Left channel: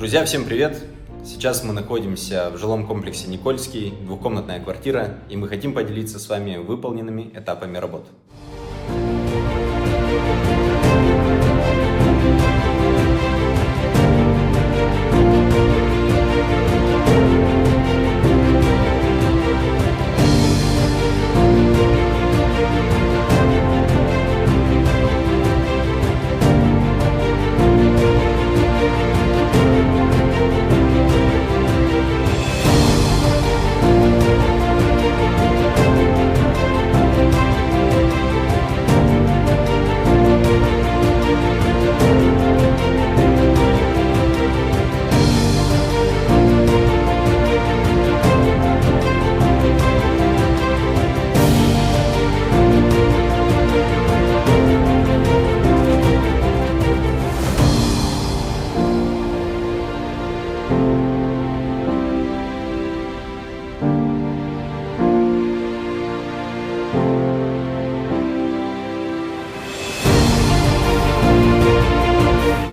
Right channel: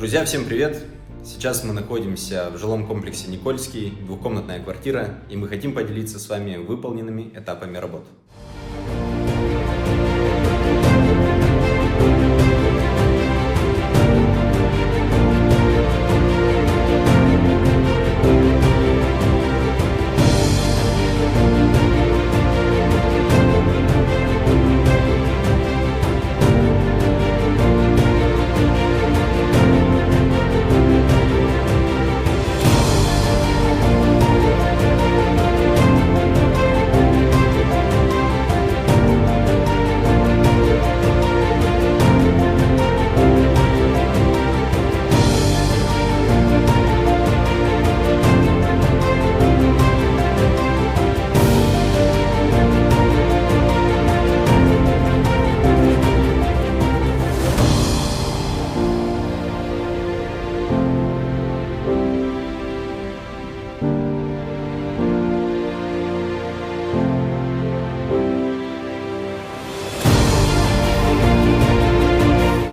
Друзья, всем привет! Сейчас мы находимся в жилом комплексе Никольский, двухкомнатная квартира, и мы хотим поделиться с вами выполненными этапами работ.